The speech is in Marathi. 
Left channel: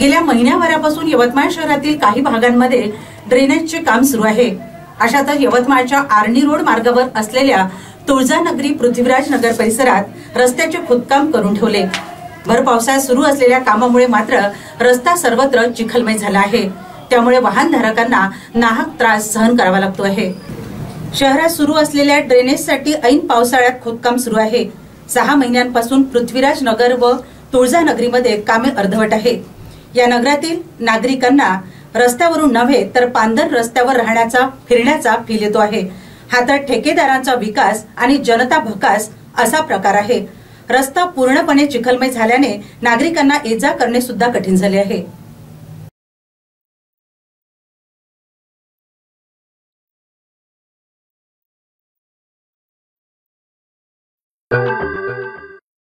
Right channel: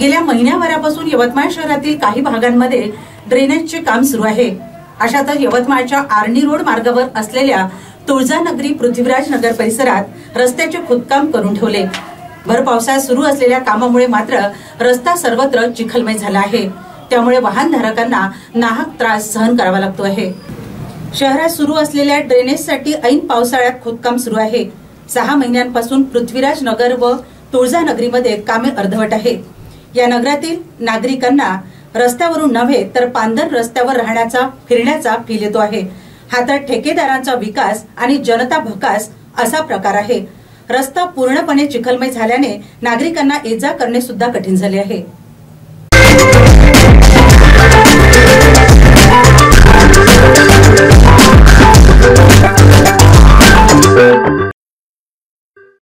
गेल्या महिन्याभरापासून यवतमाळ शहरातील काही भागांमध्ये ड्रेनेजचे काम सुरू आहे। अशातच यवतमाळच्या आर्णी रोड मार्गावर असलेल्या तुळजानगरी पृथ्वीराज नगर परिसरात रस्त्याचे खोदकाम करून ठेवले। भर पावसाळ्यात सुरू असलेल्या कामामुळे मात्र रस्ता सर्वत्र चिखलमय झाला आहे। त्यामुळे वाहनधारकांना नाहक त्रास सहन करावा लागतो आहे। शहरात सुरू असलेल्या ड्रेनेजसाठी ऐन पावसाळ्यात खोदकाम सुरू आहे। 6 महिन्यांपासून पृथ्वीराज नगर व तुळजानगरीमध्ये कामे अर्धवट आहेत। या नगरातील नागरिकांना रस्त्यावरून नव्हे तर पांदर रस्त्यावर राहण्याचा फिरण्याचा फील येतो आहे। हा तर ठेकेदारांचा विकास आणि जनता भकास असा प्रकार आहे। रस्ता पूर्णपणे चिखलमय झाल्याने नागरिकांना ये जा करणे सुद्धा कठीण झाले आहे।